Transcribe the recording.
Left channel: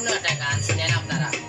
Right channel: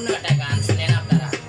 पूर्ण अटॅक आणलेला आपल्याला